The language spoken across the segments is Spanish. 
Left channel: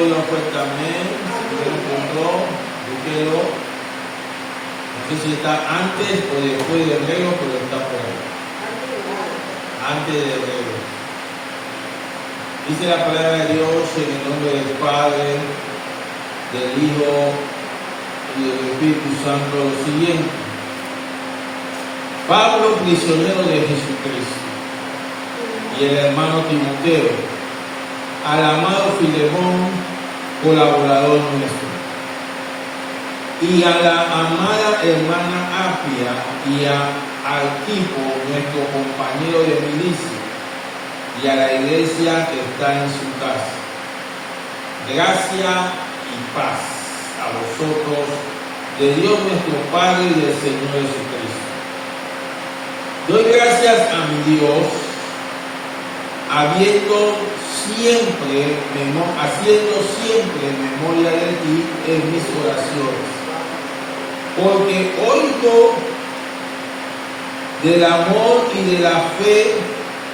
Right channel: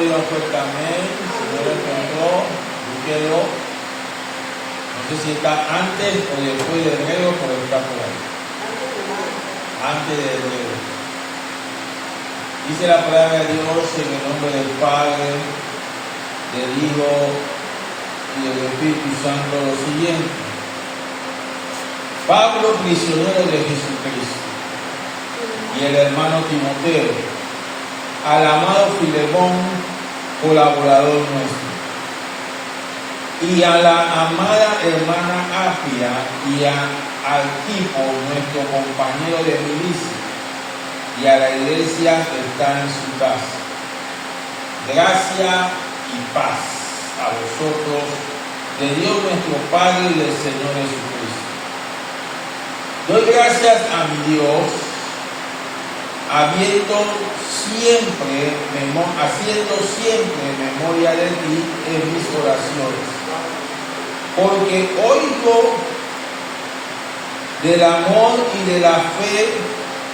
diga fuerte amén. Si no lo encontró, búsquelo. No sé si está antes o después de enero, pero está por ahí. Antes de enero. Dice la palabra de Dios en el nombre del Padre, del Hijo y del Espíritu Santo lo siguiente. Pablo, prisionero de Jesucristo, y el hermano Timoteo, al amado Filemón, colaborador nuestro, y a la amada hermana Apia y a Arquipo, nuestro compañero de milicia, y a la iglesia que está en su casa. Gracia y paz a vosotros, de Dios nuestro Padre y del Señor Jesucristo. Doy gracias a mi Dios, haciendo siempre memoria de ti en mis oraciones, porque oigo del amor y de la fe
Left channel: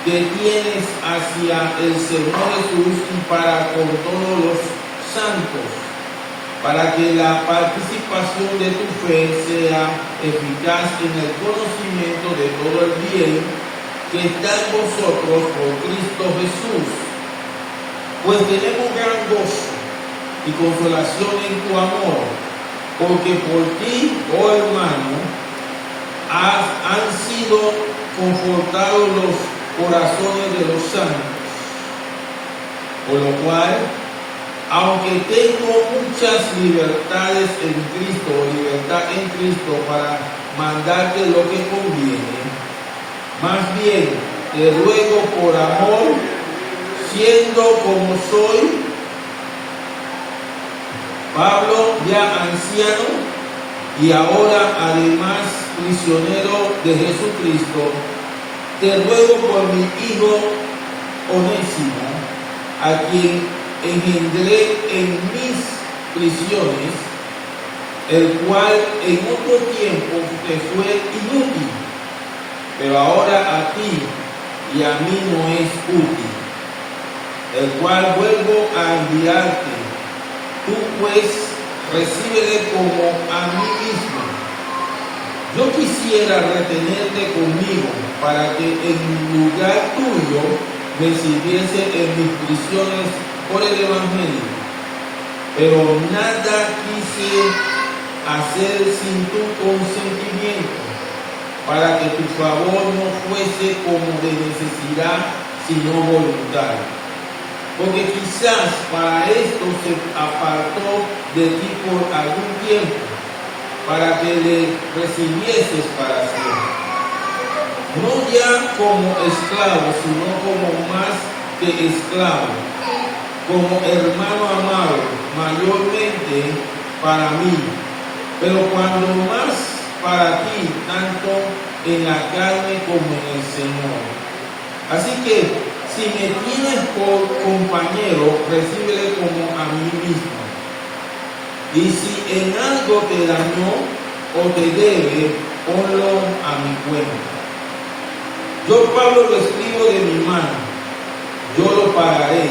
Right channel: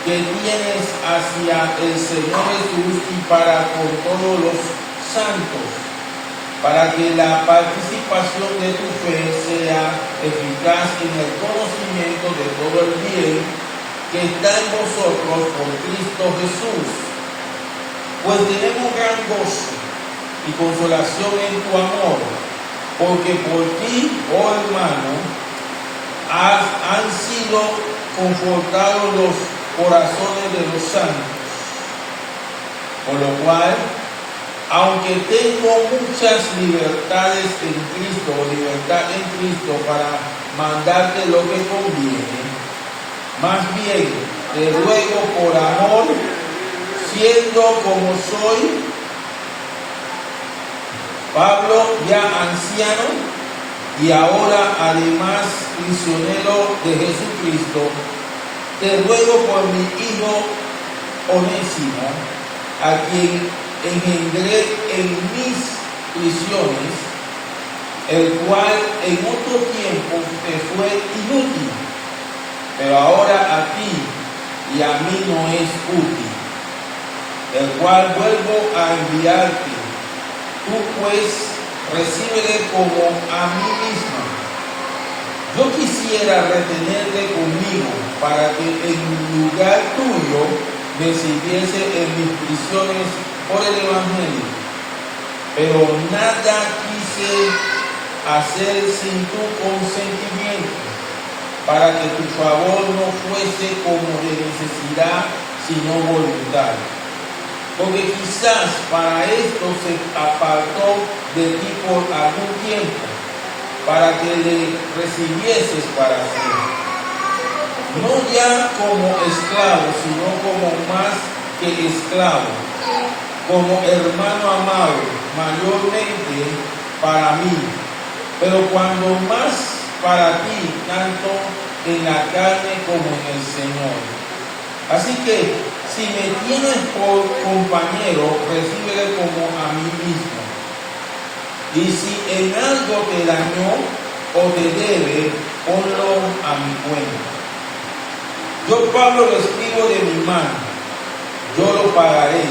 que tienes hacia el Señor Jesús y para con todos los santos, para que la participación de tu fe sea eficaz en el conocimiento de todo el bien que está en vosotros por Cristo Jesús. Pues tenemos gran gozo y consolación en tu amor, porque por ti, oh hermano, han sido confortados los corazones de los santos, por lo cual, aunque tengo muchas libertades en Cristo para mandarte lo que conviene, más bien te ruego por amor, siendo como soy, Pablo, ya anciano, y ahora además prisionero de Jesucristo, te ruego por mi hijo Onésimo, a quien engendré en mis prisiones, el cual en otro tiempo te fue inútil, pero ahora a ti y a mí no es útil, el cual vuelvo a enviarte. Tú pues recíbele como a mí mismo. Yo quisiera retenerte conmigo para que en lugar tuyo me sirviese en mis prisiones por el Evangelio, pero nada quise hacer sin tu consentimiento, para que tu favor no fuese como de necesidad, sino voluntario. Porque quizás para esto se apartó de ti por algún tiempo, para que le recibieses para siempre. No ya como esclavo, sino como más que esclavo, como hermano amado, mayormente para mí, pero cuando más para ti, tanto en la carne como en el Señor. Así que, si me tienes por compañero, recíbele como a mí mismo. Y si en algo te dañó o te debe, ponlo a mi cuenta. Yo, Pablo, lo escribo de mi mano, yo lo pagaré,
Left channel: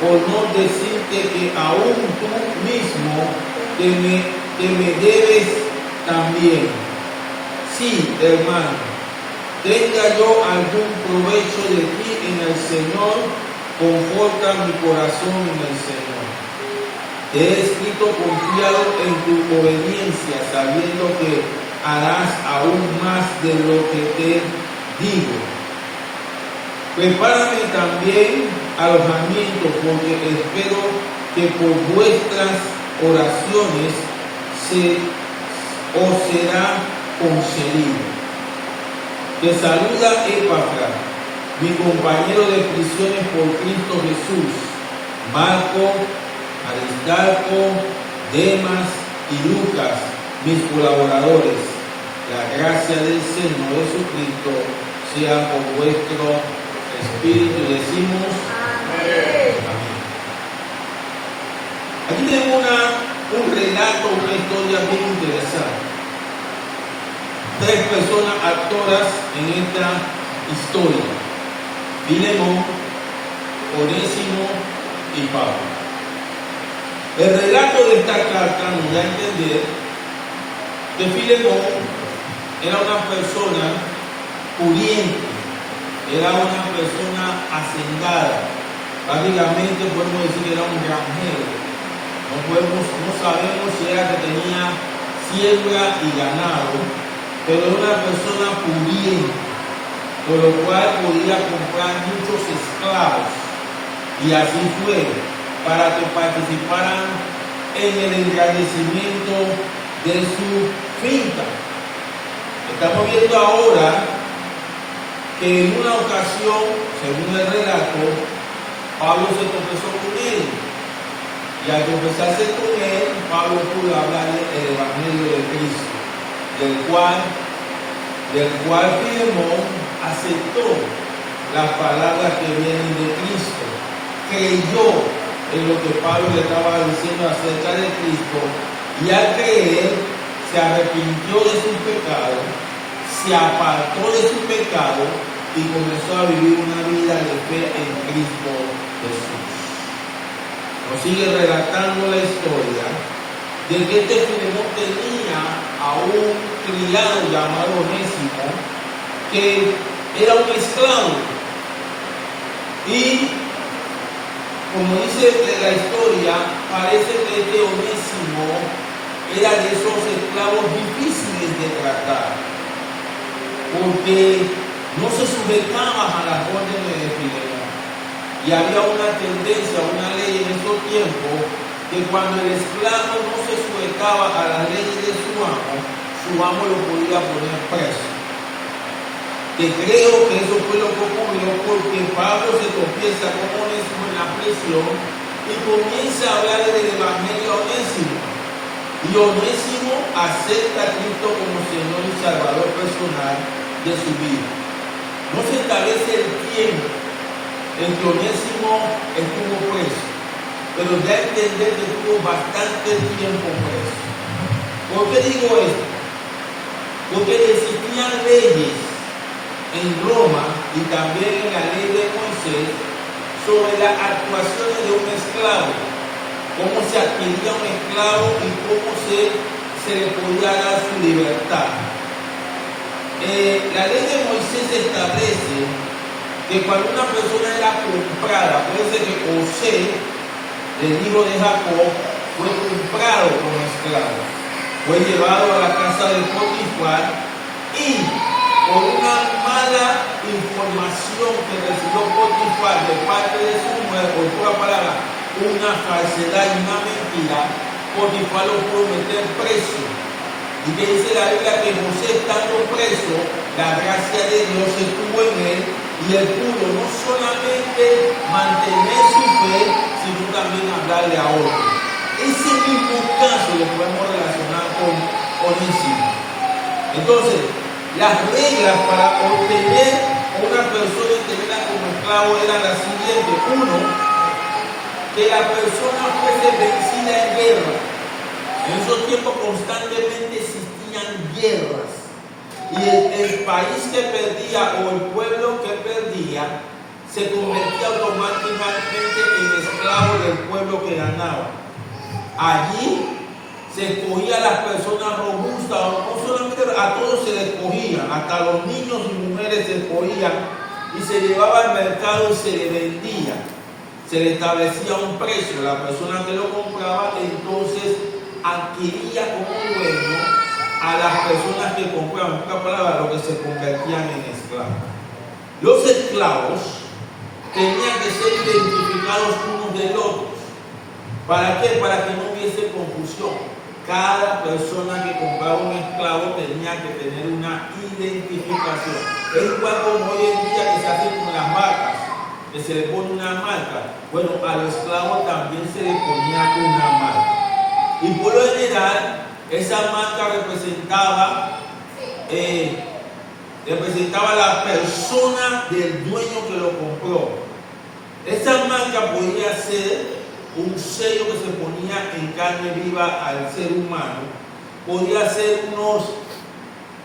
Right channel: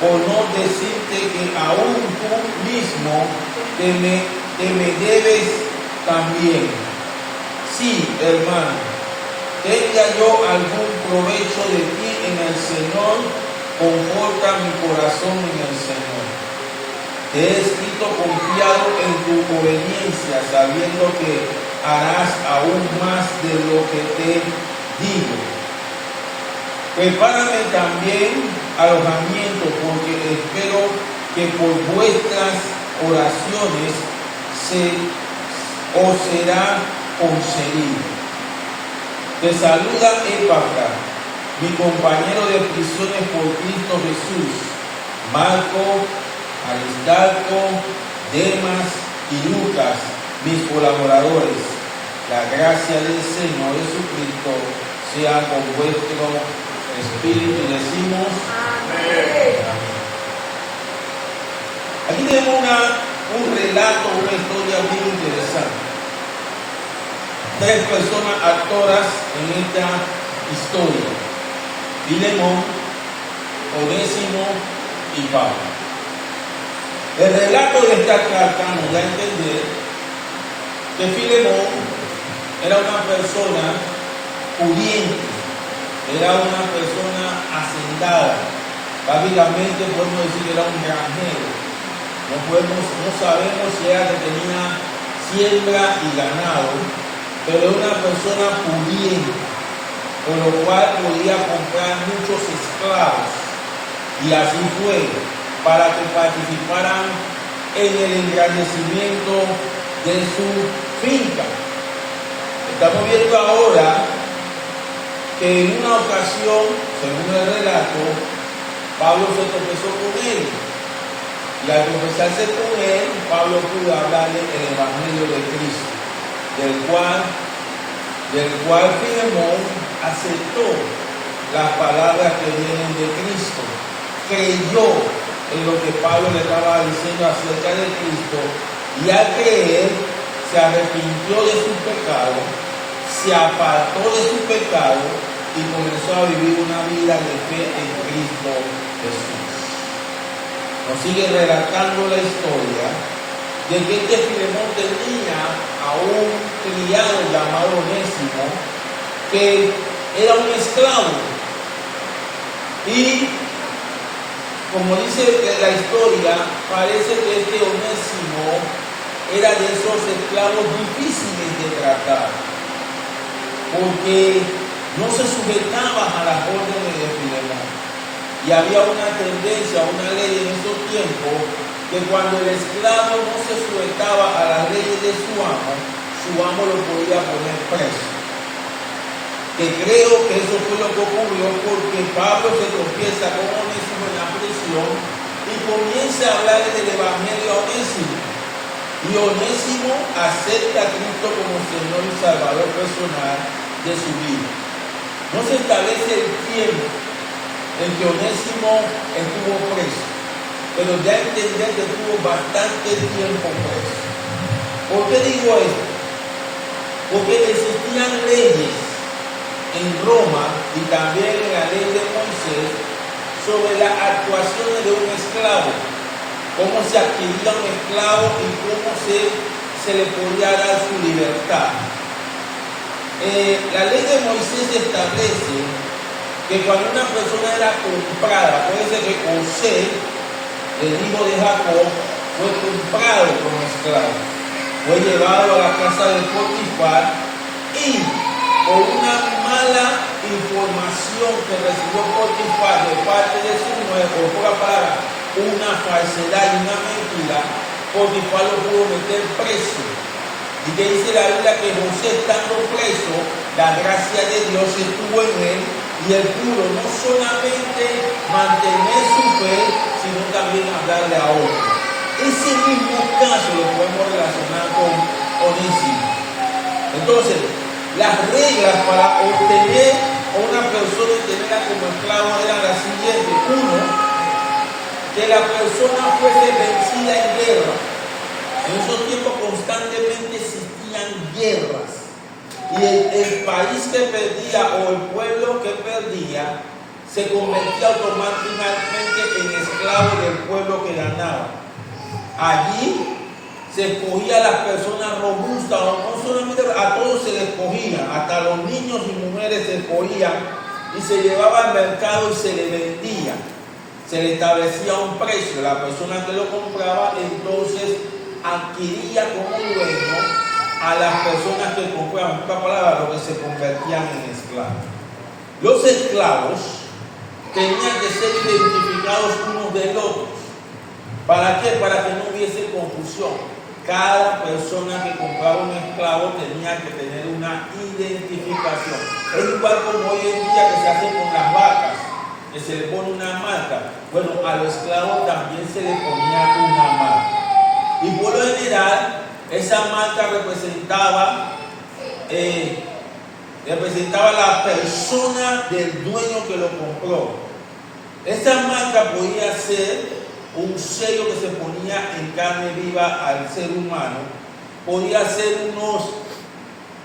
por no decirte que aún tú mismo te me debes también. Sí, hermano, tenga yo algún provecho de ti en el Señor, conforta mi corazón en el Señor. Te he escrito confiado en tu obediencia, sabiendo que harás aún más de lo que te digo. Prepárame también alojamiento, porque espero que por vuestras oraciones os será concedido. Te saluda Epafra, mi compañero de prisiones por Cristo Jesús, Marco, Aristarco, Demas y Lucas, mis colaboradores. La gracia del Señor Jesucristo sea con vuestro espíritu. Y decimos amén. Aquí tenemos un relato, una historia bien interesante. 3 personas actoras en esta historia: Filemón, Onésimo y Pablo. El relato de esta carta nos da a entender que Filemón era una persona pudiente, era una persona hacendada. Prácticamente podemos decir que era un granjero. No sabemos si era que tenía siembra y ganado, pero era una persona pudiente, por lo cual podía comprar muchos esclavos. Y así fue, para que participaran en el engrandecimiento de su finca. Estamos viendo ahora que en una ocasión, según el relato, Pablo se tropezó con él. Y al tropezarse con él, Pablo pudo hablarle el Evangelio de Cristo, del cual Filemón aceptó las palabras que vienen de Cristo, creyó en lo que Pablo le estaba diciendo acerca de Cristo, y al creer se arrepintió de sus pecados, se apartó de su pecado y comenzó a vivir una vida de fe en Cristo Jesús. Nos sigue relatando la historia de que este Filemón tenía a un criado llamado Onésimo, que era un esclavo. Y como dice la historia, parece que este Onésimo era de esos esclavos difíciles de tratar, porque no se sujetaban a las órdenes de Filemón. Y había una tendencia, una ley en esos tiempos, que cuando el esclavo no se sujetaba a las leyes de su amo lo podía poner preso. Que creo que eso fue lo que ocurrió, porque Pablo se tropieza con Onésimo en la prisión y comienza a hablar del Evangelio a Onésimo. Y Onésimo acepta a Cristo como Señor y Salvador personal de su vida. No se establece el tiempo en que Onésimo estuvo preso, pero da a entender que estuvo bastante tiempo preso. ¿Por qué digo esto? Porque existían leyes en Roma y también en la ley de Moisés sobre las actuaciones de un esclavo, cómo se adquiría un esclavo y cómo se le podía dar su libertad. La ley de Moisés establece que cuando una persona era comprada, puede ser que José, el hijo de Jacob, fue comprado como esclavo, fue llevado a la casa de Potifar y por una mala información que recibió Potifar de parte de su mujer, por pura palabra, una falsedad y una mentira, Potifar lo pudo meter preso. Y que dice la Biblia que José, estando preso, la gracia de Dios estuvo en él y él pudo no solamente mantener su fe, sino también hablarle a otros. Ese mismo caso lo podemos relacionar con Onésimo. Entonces, las reglas para obtener a una persona y tenerla como esclavo eran las siguientes. Uno, que la persona fuese vencida en guerra. En esos tiempos constantemente existían guerras. Y el país que perdía o el pueblo que perdía se convertía automáticamente en esclavo del pueblo que ganaba. Allí se escogía a las personas robustas, no solamente a todos se les escogía, hasta los niños y mujeres se escogían y se llevaba al mercado y se le vendía. Se le establecía un precio, la persona que lo compraba entonces adquiría como dueño a las personas que compraban, en otra palabra, lo que se convertían en esclavos. Los esclavos tenían que ser identificados unos de otros. ¿Para qué? Para que no hubiese confusión. Cada persona que compraba un esclavo tenía que tener una identificación. Es igual como hoy en día que se hace con las marcas, que se le pone una marca. Bueno, a los esclavos también se le ponía una marca. Y por lo general, esa marca representaba la persona del dueño que lo compró. Esa marca podía ser un sello que se ponía en carne viva al ser humano, podía ser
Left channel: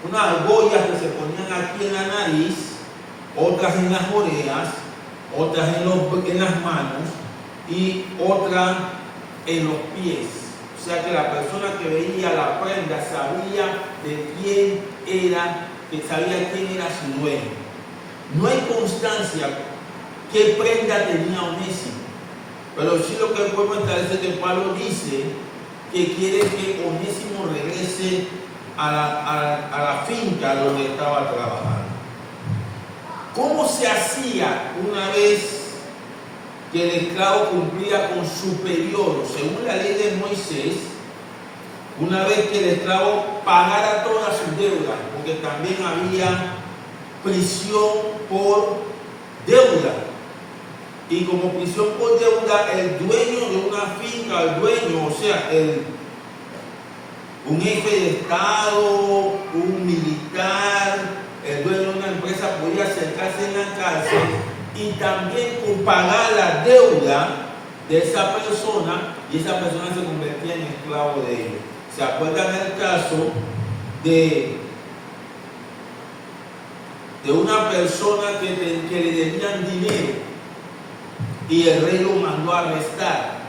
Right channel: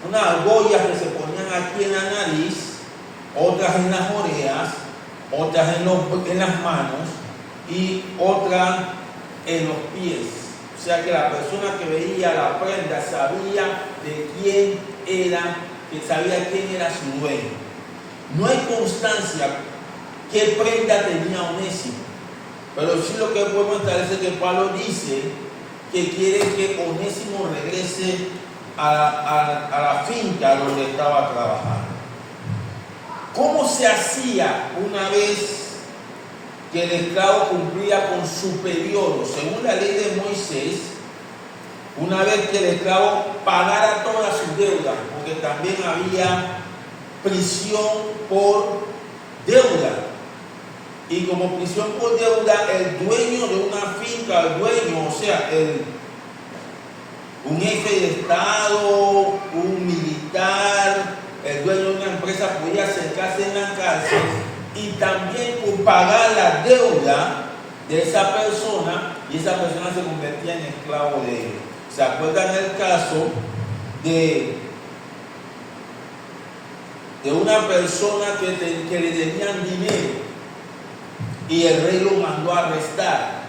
unas argollas que se ponían aquí en la nariz, otras en las orejas, otras en las manos y otras en los pies. O sea que la persona que veía la prenda sabía de quién era, que sabía quién era su dueño. No hay constancia qué prenda tenía Onésimo, pero sí lo que podemos establecer es que Pablo dice que quiere que Onésimo regrese a la finca donde estaba trabajando. ¿Cómo se hacía una vez que el esclavo cumplía con su periodo? Según la ley de Moisés, una vez que el esclavo pagara todas sus deudas, porque también había prisión por deuda. Y como prisión por deuda, el dueño de una finca, el dueño, o sea, un jefe de Estado, un militar, el dueño de una empresa podía acercarse en la cárcel y también pagar la deuda de esa persona, y esa persona se convertía en esclavo de ellos. ¿Se acuerdan el caso de una persona que le debían dinero y el rey lo mandó a arrestar?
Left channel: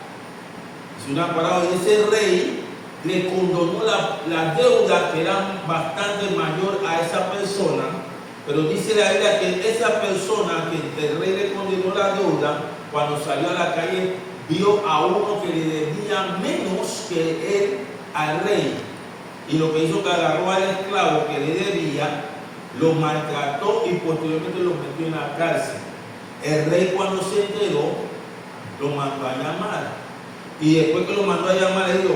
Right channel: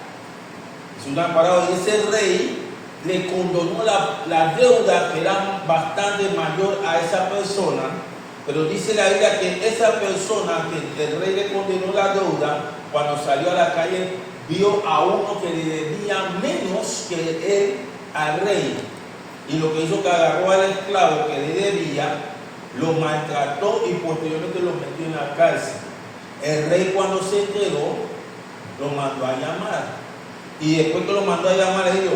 Es una parábola. Ese rey le condonó la deuda, que era bastante mayor a esa persona, pero dice la Biblia que esa persona que el rey le condenó la deuda, cuando salió a la calle vio a uno que le debía menos que él al rey, y lo que hizo que agarró al esclavo que le debía, lo maltrató y posteriormente lo metió en la cárcel. El rey, cuando se enteró, lo mandó a llamar, y después que lo mandó a llamar le dijo:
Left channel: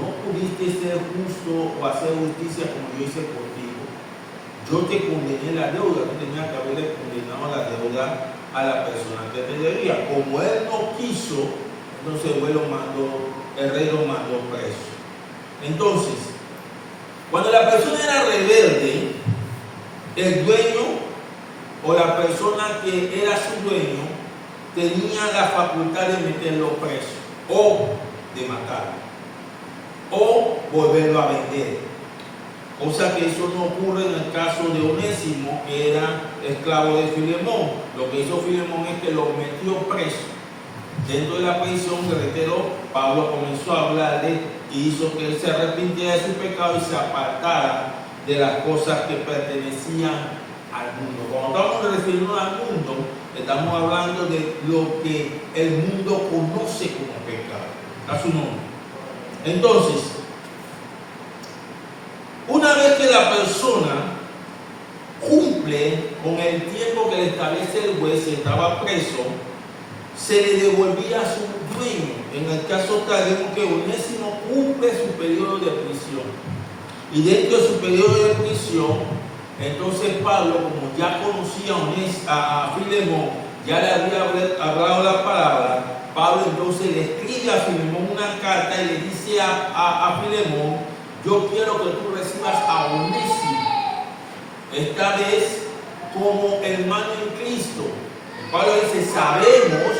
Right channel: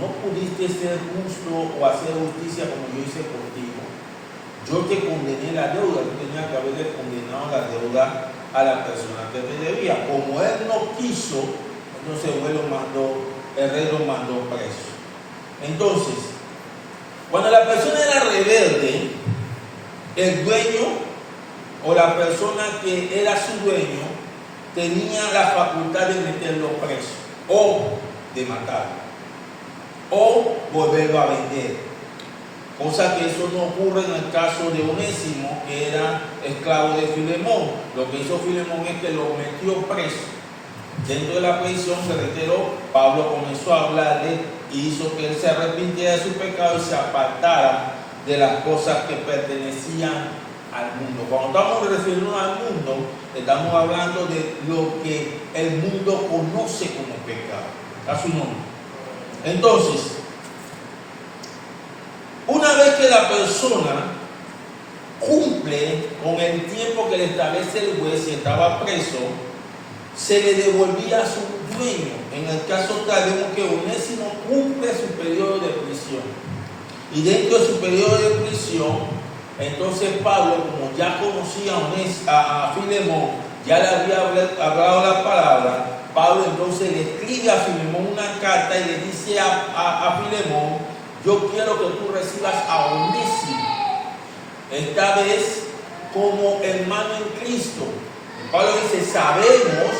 no pudiste ser justo o hacer justicia como yo hice contigo. Yo te condené la deuda, tú tenías que haberle condenado la deuda a la persona que te debía. Como él no quiso, entonces el rey lo mandó preso. Entonces, cuando la persona era rebelde, el dueño o la persona que era su dueño tenía la facultad de meterlo preso, o de matarlo, o volverlo a vender. Cosa que eso no ocurre en el caso de Onésimo, que era esclavo de Filemón. Lo que hizo Filemón es que lo metió preso. Dentro de la prisión, se reiteró, Pablo comenzó a hablarle y hizo que él se arrepintiera de su pecado y se apartara de las cosas que pertenecían al mundo. Cuando estamos refiriendo al mundo, estamos hablando de lo que el mundo conoce como pecado. A su nombre. Entonces, una vez que la persona cumple con el tiempo que le establece el juez y estaba preso, se le devolvía a su dueño. En el caso tal, vemos que Onésimo cumple su periodo de prisión. Y dentro de su periodo de prisión, entonces Pablo, como ya conocía a Filemón, ya le había hablado la palabra, Pablo entonces le escribe a Filemón una carta y le dice a Filemón: yo quiero que tú recibas a Onésimo, esta vez como hermano en Cristo. Pablo dice: sabemos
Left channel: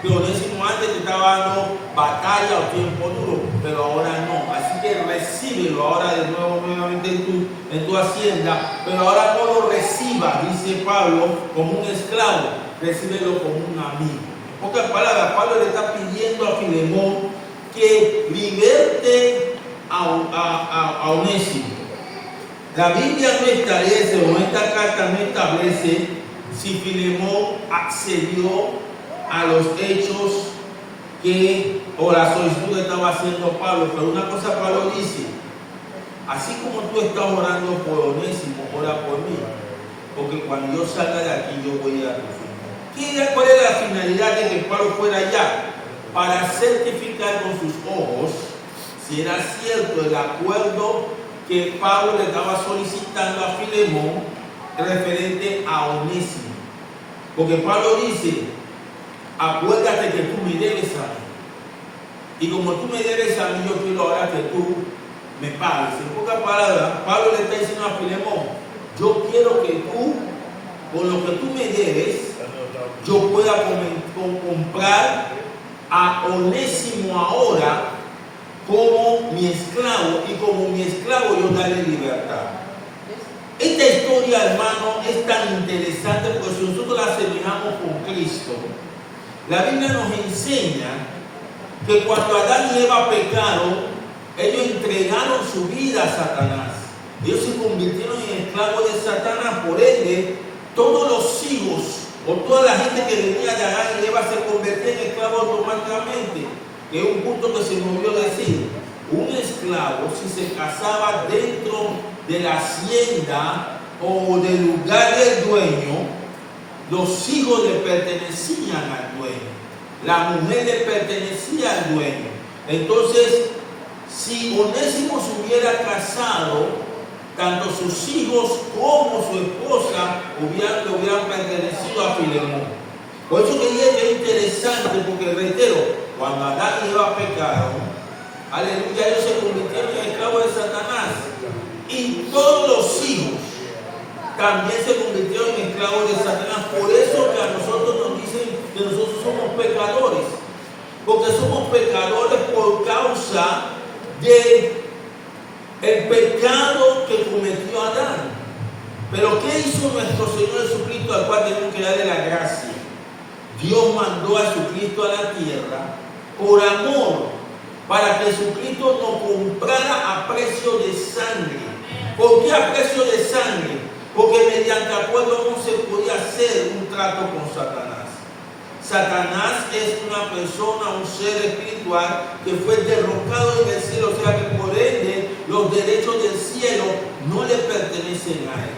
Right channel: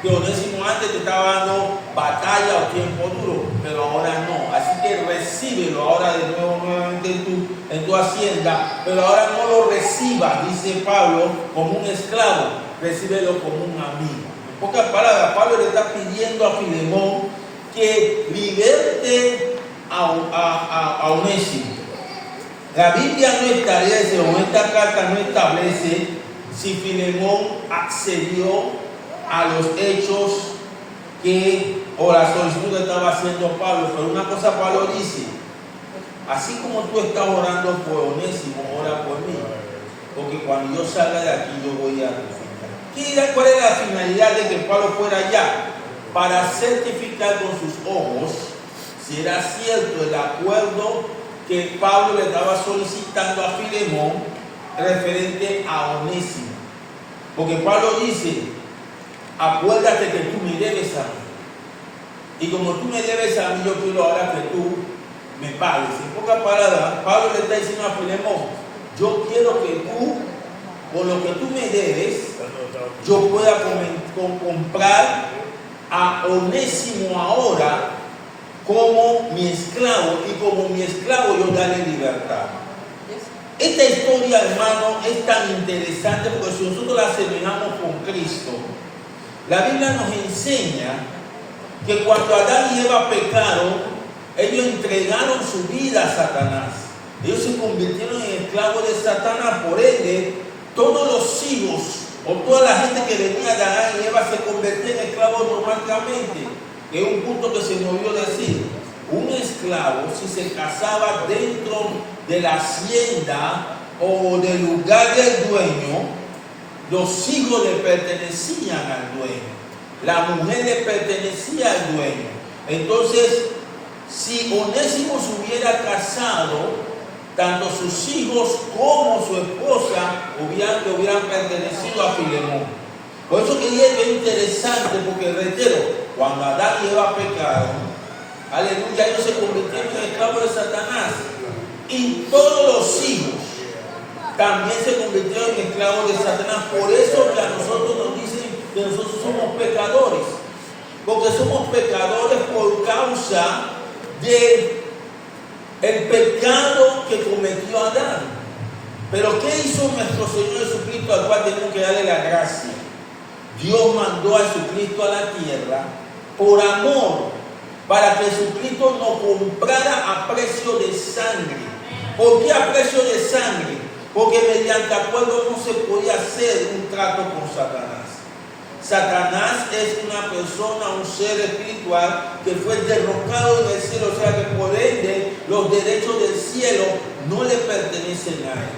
que Onésimo antes te estaba dando batalla o tiempo duro, pero ahora no. Así que recíbelo ahora de nuevo, nuevamente en tu hacienda, pero ahora no lo recibas, dice Pablo, como un esclavo, recíbelo como un amigo. En pocas palabras, Pablo le está pidiendo a Filemón que liberte a Onésimo. La Biblia no establece, o esta carta no establece, si Filemón accedió a los hechos o la solicitud que estaba haciendo Pablo. Pero una cosa Pablo dice: así como tú estás orando por Onésimo, ora por mí, porque cuando yo salga de aquí yo voy a tu finca. ¿Cuál es la finalidad de que Pablo fuera allá? Para certificar con sus ojos si era cierto el acuerdo que Pablo le estaba solicitando a Filemón referente a Onésimo. Porque Pablo dice: acuérdate que tú me debes a mí, y como tú me debes a mí, yo quiero ahora que tú me pagues. En pocas palabras, Pablo le está diciendo a Filemón: yo quiero que tú, con lo que tú me debes, yo pueda comprar a Onésimo ahora como mi esclavo, y como mi esclavo yo darle libertad. Esta historia, hermano, es tan interesante porque si nosotros la asemejamos con Cristo, la Biblia nos enseña que cuando Adán y Eva pecaron, ellos entregaron su vida a Satanás. Ellos se convirtieron en esclavos de Satanás. Por ende, todos los hijos o toda la gente que venía de Adán y Eva se convertía en esclavos automáticamente. Que es un punto que se me olvidó decir. Un esclavo, si se casaba dentro de la hacienda o del lugar del dueño, los hijos le pertenecían al dueño. La mujer le pertenecía al dueño. Entonces, si Onésimo se hubiera casado, tanto sus hijos como su esposa le hubieran pertenecido a Filemón. Por eso que es interesante, porque reitero, cuando Adán y Eva pecaron, aleluya, ellos se convirtieron en esclavos de Satanás. Y todos los hijos también se convirtieron en esclavos de Satanás. Por eso que a nosotros nos dicen que nosotros somos pecadores. Porque somos pecadores por causa de el pecado que cometió Adán. Pero ¿qué hizo nuestro Señor Jesucristo, al cual tenemos que darle la gracia? Dios mandó a Jesucristo a la tierra por amor, para que Jesucristo nos comprara a precio de sangre. ¿Por qué a precio de sangre? Porque mediante acuerdo no se podía hacer un trato con Satanás. Satanás es una persona, un ser espiritual que fue derrocado del cielo, o sea que por ende los derechos del cielo no le pertenecen a él.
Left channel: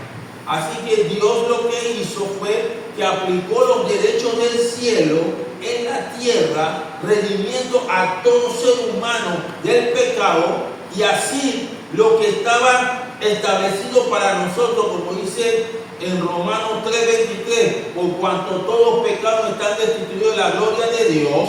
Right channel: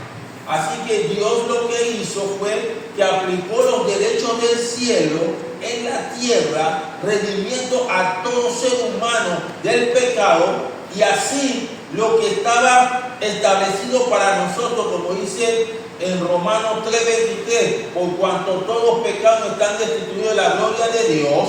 Así que Dios lo que hizo fue que aplicó los derechos del cielo en la tierra, redimiendo a todo ser humano del pecado, y así lo que estaba establecido para nosotros, como dice en Romanos 3:23, por cuanto todos los pecados están destituidos de la gloria de Dios,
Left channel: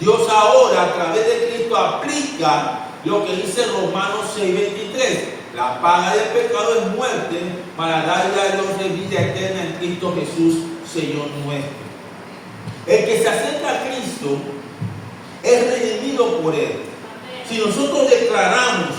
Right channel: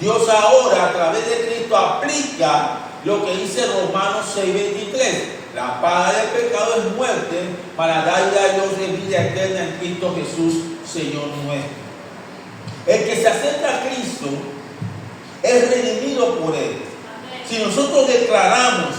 Dios ahora a través de Cristo aplica lo que dice Romanos 6:23. La paga del pecado es muerte, para la vida de Dios es vida eterna en Cristo Jesús, Señor nuestro. El que se acerca a Cristo es redimido por Él. Si nosotros declaramos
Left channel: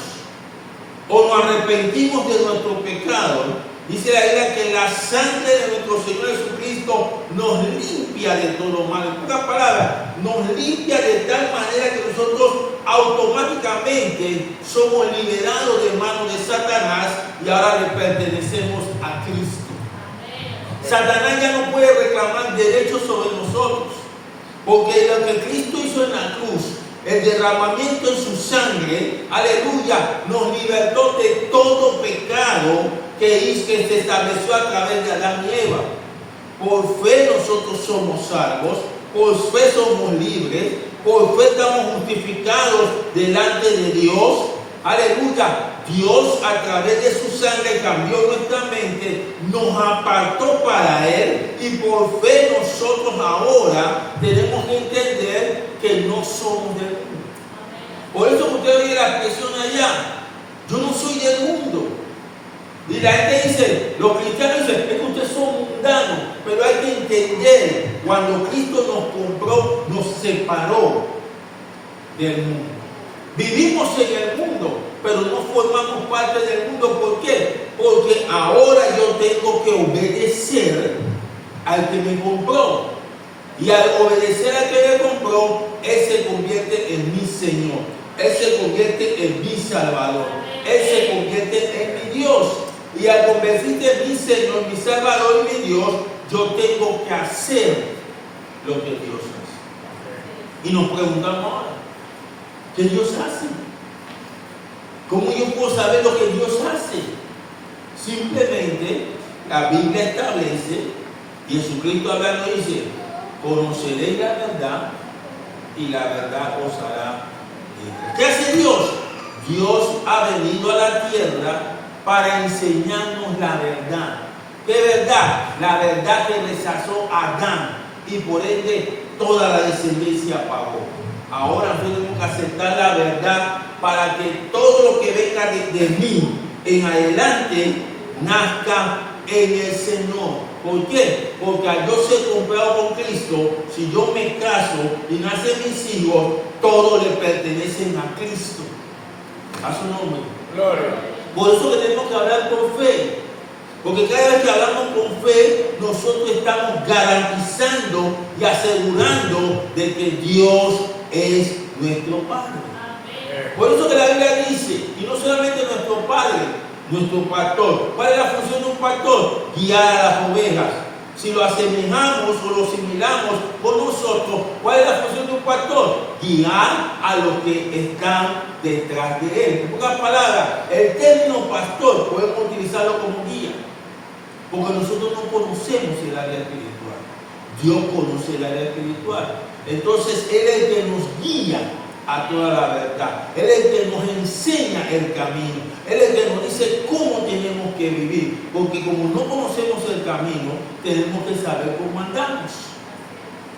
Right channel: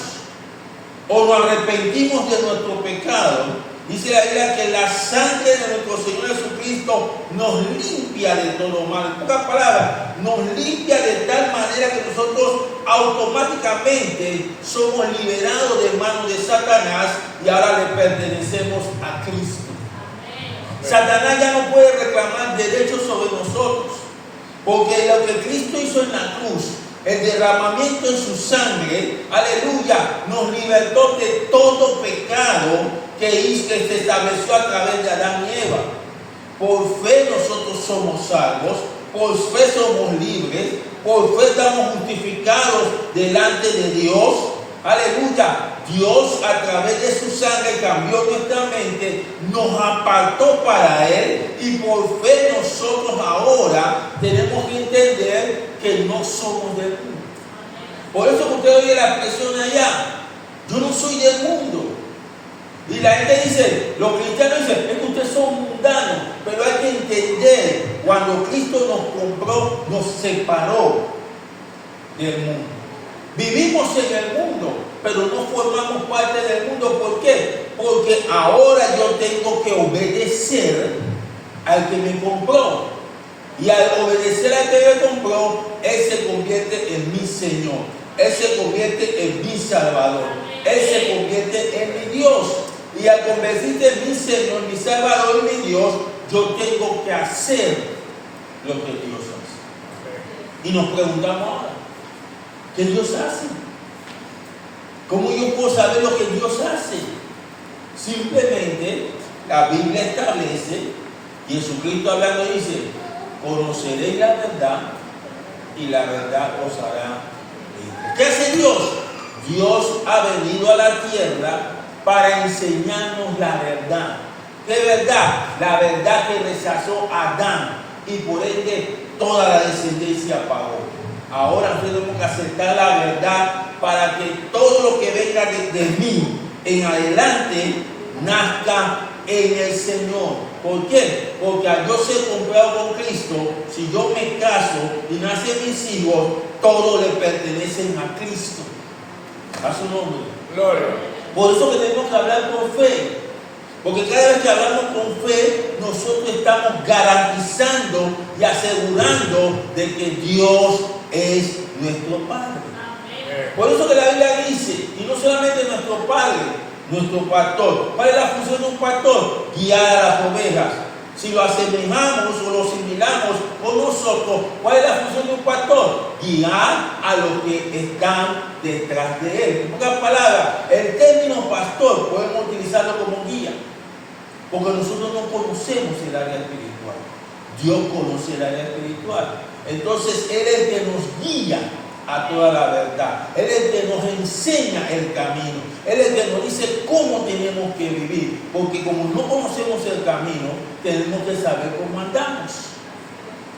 o nos arrepentimos de nuestro pecado, dice la Biblia que la sangre de nuestro Señor Jesucristo nos limpia de todo mal. En pocas palabras, nos limpia de tal manera que nosotros automáticamente somos liberados de manos de Satanás y ahora le pertenecemos a Cristo. Satanás ya no puede reclamar derechos sobre nosotros, porque lo que Cristo hizo en la cruz, el derramamiento en su sangre, aleluya, nos libertó de todo pecado que se estableció a través de Adán y Eva. Por fe nosotros somos salvos, por fe somos libres, por fe estamos justificados delante de Dios. Aleluya, Dios a través de su sangre cambió nuestra mente, nos apartó para Él, y por fe nosotros ahora tenemos que entender que no somos del mundo. Por eso que usted oye la expresión allá, yo no soy del mundo. Y la gente dice, los cristianos dicen, es que ustedes son mundanos, pero hay que entender, cuando Cristo nos compró, nos separó del mundo. Vivimos en el mundo, pero no formamos parte del mundo. ¿Por qué? Porque ahora yo tengo que obedecer al que me compró. Y al obedecer al que me compró, Él se convierte en mi Señor. Él se convierte en mi Salvador. Él se convierte en mi Dios. Y al convertirse en mi Señor, mi Salvador y mi Dios, yo tengo que hacer lo que Dios hace. Y nos preguntamos ahora, ¿qué Dios hace? ¿Cómo yo puedo saber lo que Dios hace? Simplemente la Biblia establece, y Jesucristo hablando dice, conoceréis la verdad y la verdad os hará libre. ¿Qué hace Dios? Dios ha venido a la tierra para enseñarnos la verdad. ¿Qué verdad? La verdad que rechazó Adán, y por ende toda la descendencia pagó. Ahora tenemos que aceptar la verdad para que todo lo que venga de mí en adelante nazca en el Señor. ¿Por qué? Porque al yo ser comprado con Cristo, si yo me caso y nacen mis hijos, todos le pertenecen a Cristo. A su nombre. Gloria. Por eso que tenemos que hablar con fe. Porque cada vez que hablamos con fe, nosotros estamos garantizando y asegurando de que Dios es nuestro Padre. Por eso que la Biblia dice, y no solamente nuestro Padre, nuestro pastor. ¿Cuál es la función de un pastor? Guiar a las ovejas. Si lo asemejamos o lo asimilamos con nosotros, ¿cuál es la función de un pastor? Guiar a los que están detrás de él. En pocas palabras, el término pastor podemos utilizarlo como guía, porque nosotros no conocemos el área espiritual. Dios conoce el área espiritual. Entonces, Él es el que nos guía a toda la verdad. Él es el que nos enseña el camino. Él es el que nos dice cómo tenemos que vivir. Porque como no conocemos el camino, tenemos que saber cómo andamos.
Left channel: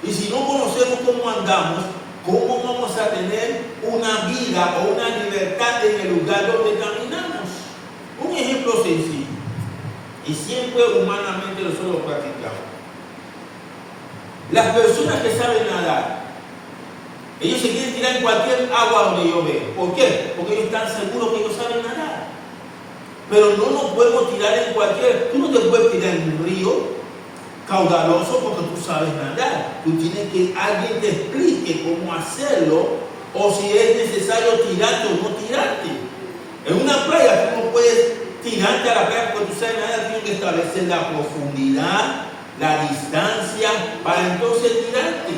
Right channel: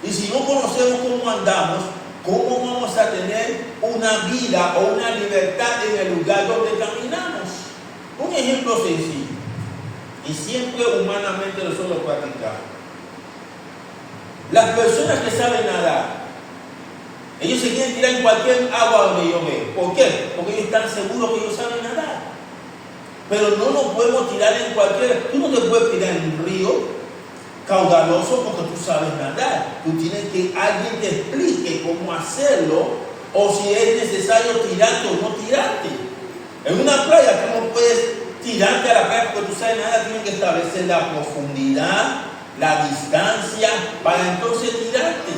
Y si no conocemos cómo andamos, ¿cómo vamos a tener una vida o una libertad en el lugar donde caminamos? Un ejemplo sencillo. Y siempre humanamente nosotros lo practicamos. Las personas que saben nadar, ellos se quieren tirar en cualquier agua donde ellos ven. ¿Por qué? Porque ellos están seguros que ellos saben nadar. Pero no nos podemos tirar en cualquier... Tú no te puedes tirar en un río caudaloso porque tú sabes nadar. Tú tienes que alguien te explique cómo hacerlo, o si es necesario tirarte o no tirarte. En una playa tú no puedes tirarte a la playa porque tú sabes nadar. Tienes que establecer la profundidad, la distancia, para entonces tirarte.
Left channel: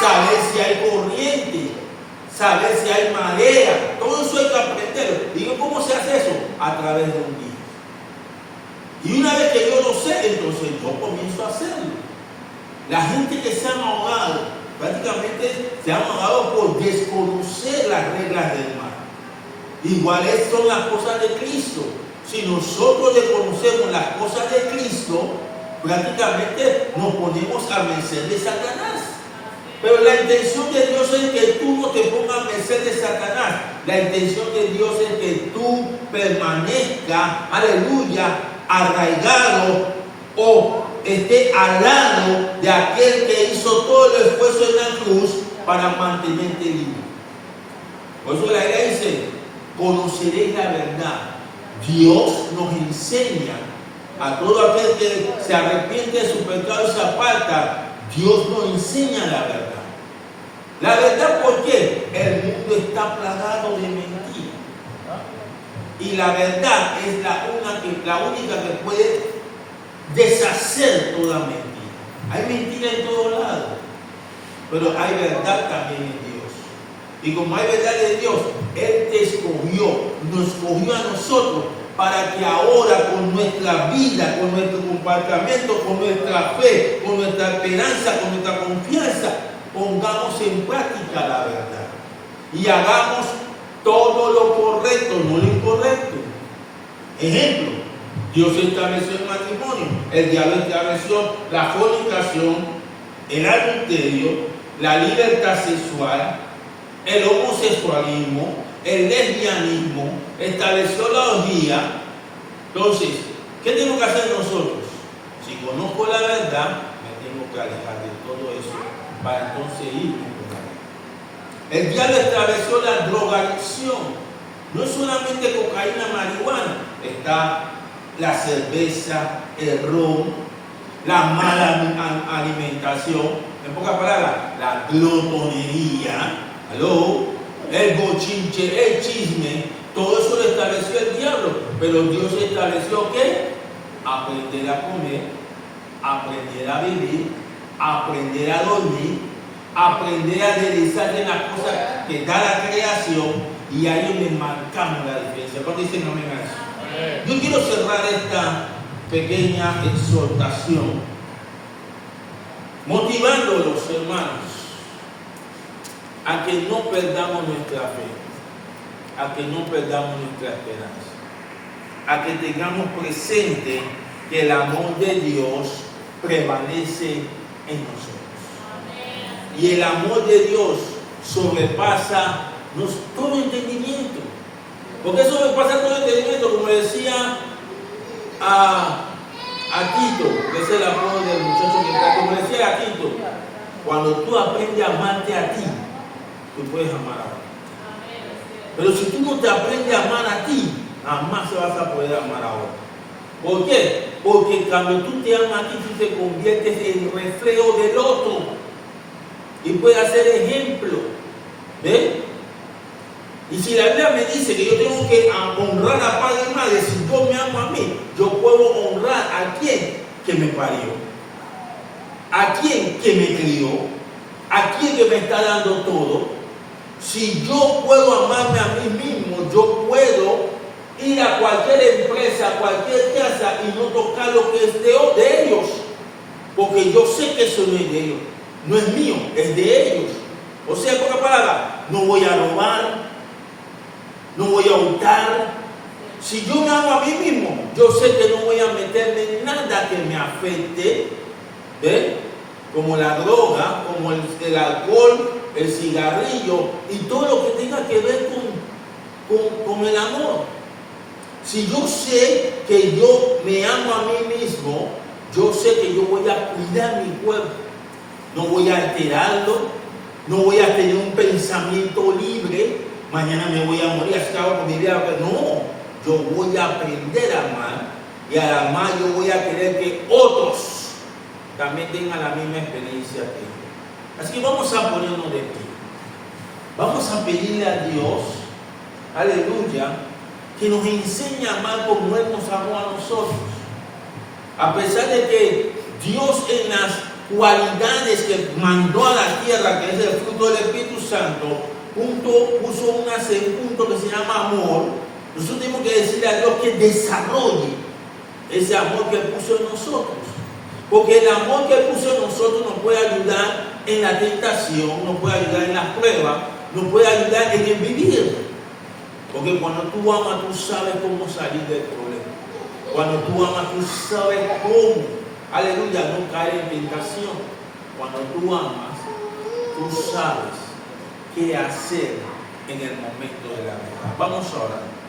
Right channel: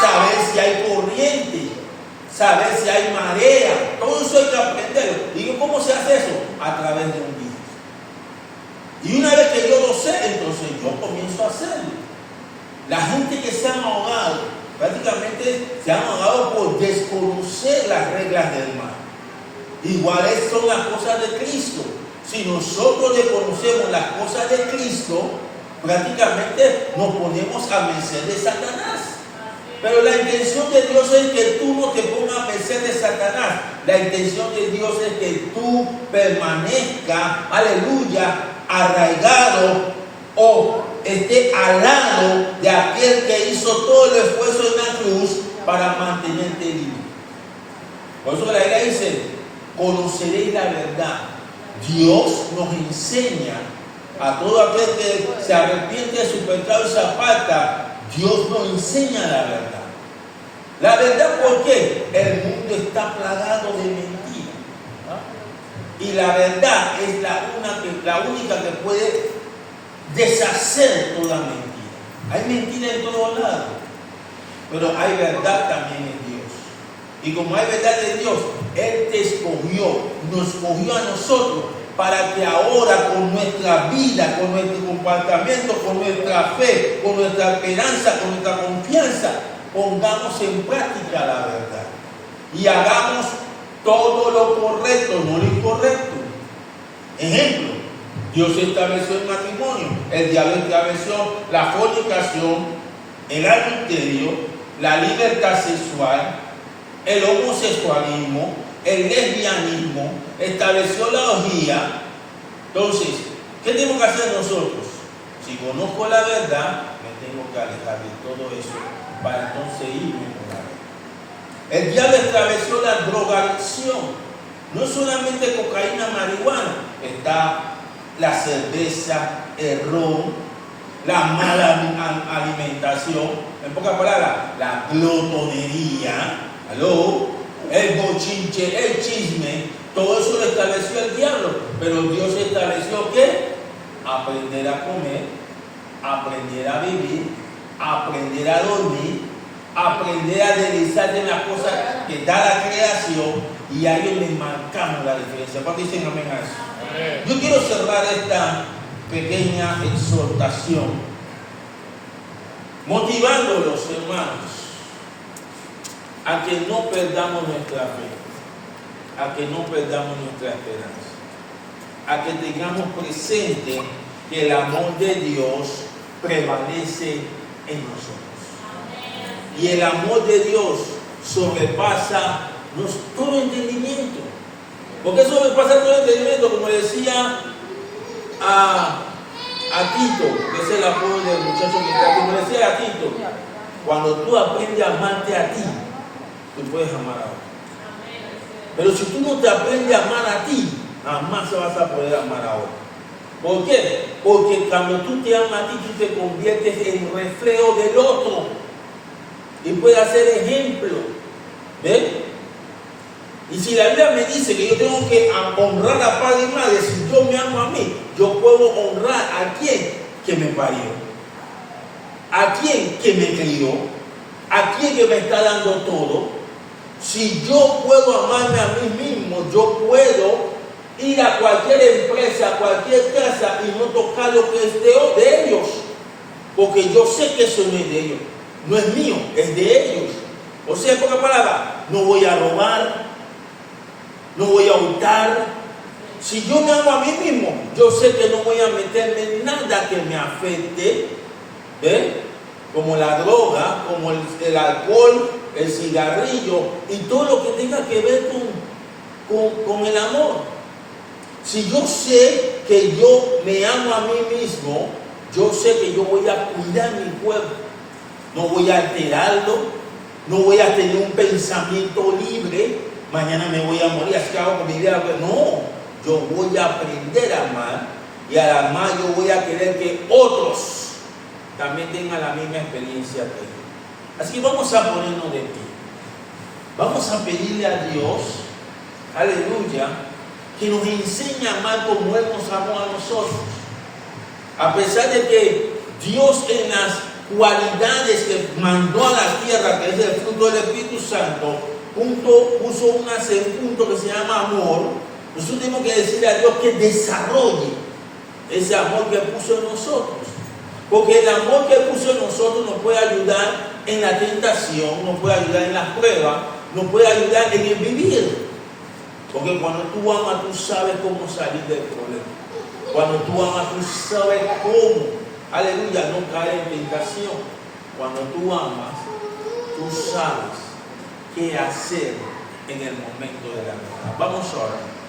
Saber si hay corriente, saber si hay marea, todo eso hay que aprenderlo. Digo, ¿cómo se hace eso? A través de un guía. Y una vez que yo lo sé, entonces yo comienzo a hacerlo. La gente que se han ahogado, prácticamente se han ahogado por desconocer las reglas del mar. Iguales son las cosas de Cristo. Si nosotros desconocemos las cosas de Cristo, prácticamente nos ponemos a merced de Satanás. Pero la intención de Dios es que tú no te pongas a merced de Satanás. La intención de Dios es que tú permanezcas, aleluya, arraigado o esté al lado de aquel que hizo todo el esfuerzo en la cruz para mantenerte libre. Por eso la Biblia dice, conoceréis la verdad. Dios nos enseña a todo aquel que se arrepiente de su pecado y se aparta. Dios nos enseña la verdad. La verdad, ¿por qué? El mundo está plagado de mentiras. Y la verdad es la única que puede deshacer toda mentira. Hay mentira en todos lados, pero hay verdad también en Dios. Y como hay verdad en Dios, Él te escogió, nos escogió a nosotros para que ahora con nuestra vida, con nuestro comportamiento, con nuestra fe, con nuestra esperanza, con nuestra confianza, pongamos en práctica la verdad y hagamos todo lo correcto, no lo incorrecto. Ejemplo, Dios estableció el matrimonio, el diablo estableció la fornicación, el adulterio, la libertad sexual, el homosexualismo, el lesbianismo, estableció la orgía. Entonces, ¿qué tenemos que hacer nosotros? Si conozco la verdad, me tengo que alejar de todo eso para entonces irme por la verdad. El diablo estableció la drogadicción. No es solamente cocaína, marihuana, está la cerveza, el ron, la mala alimentación, en pocas palabras, la glotonería, el bochinche, el chisme, todo eso lo estableció el diablo. Pero Dios estableció ¿qué? Aprender a comer, aprender a vivir, aprender a dormir, aprender a deslizarte en las cosas que da la creación. Y ahí le marcamos la diferencia. ¿Por qué dicen amén a eso? Yo quiero cerrar esta pequeña exhortación motivando a los hermanos a que no perdamos nuestra fe, a que no perdamos nuestra esperanza, a que tengamos presente que el amor de Dios prevalece en nosotros. Y el amor de Dios sobrepasa todo entendimiento. ¿Por qué sobrepasa todo entendimiento? Como decía a Tito, que es el apodo del muchacho que está, como decía a Tito, cuando tú aprendes a amarte a ti, tú puedes amar a otro. Pero si tú no te aprendes a amar a ti, jamás vas a poder amar a otro. ¿Por qué? Porque cuando tú te amas a ti, tú te conviertes en reflejo del otro y puedes hacer ejemplo. ¿Ve? Y si la Biblia me dice que yo tengo que honrar a padre y madre, si yo me amo a mí, yo puedo honrar a quien que me parió, a quien que me crió, a quien que me está dando todo. Si yo puedo amarme a mí mismo, yo puedo ir a cualquier empresa, a cualquier casa y no tocar lo que es de ellos. Porque yo sé que eso no es de ellos, no es mío, es de ellos. O sea, en pocas palabras, no voy a robar, no voy a hurtar. Si yo me amo a mí mismo, yo sé que no voy a meterme en nada que me afecte, ¿eh? Como la droga, como el alcohol, el cigarrillo y todo lo que tenga que ver con el amor. Si yo sé que yo me amo a mí mismo, yo sé que yo voy a cuidar mi cuerpo, no voy a alterarlo, no voy a tener un pensamiento libre, mañana me voy a morir, así que hago con mi vida. No, yo voy a aprender a amar, y al amar yo voy a querer que otros también tengan la misma experiencia que yo. Así que vamos a ponernos de pie. Vamos a pedirle a Dios, aleluya, que nos enseñe a amar como Él nos amó a nosotros. A pesar de que Dios, en las cualidades que mandó a la tierra, que es el fruto del Espíritu Santo, puso un punto que se llama amor, nosotros tenemos que decirle a Dios que desarrolle ese amor que puso en nosotros. Porque el amor que puso en nosotros nos puede ayudar en la tentación, nos puede ayudar en las pruebas, nos puede ayudar en el vivir. Porque cuando tú amas, tú sabes cómo salir del problema. Cuando tú amas, tú sabes cómo, aleluya, no caer en tentación. Cuando tú amas, tú sabes qué hacer en el momento de la verdad. Vamos a orar.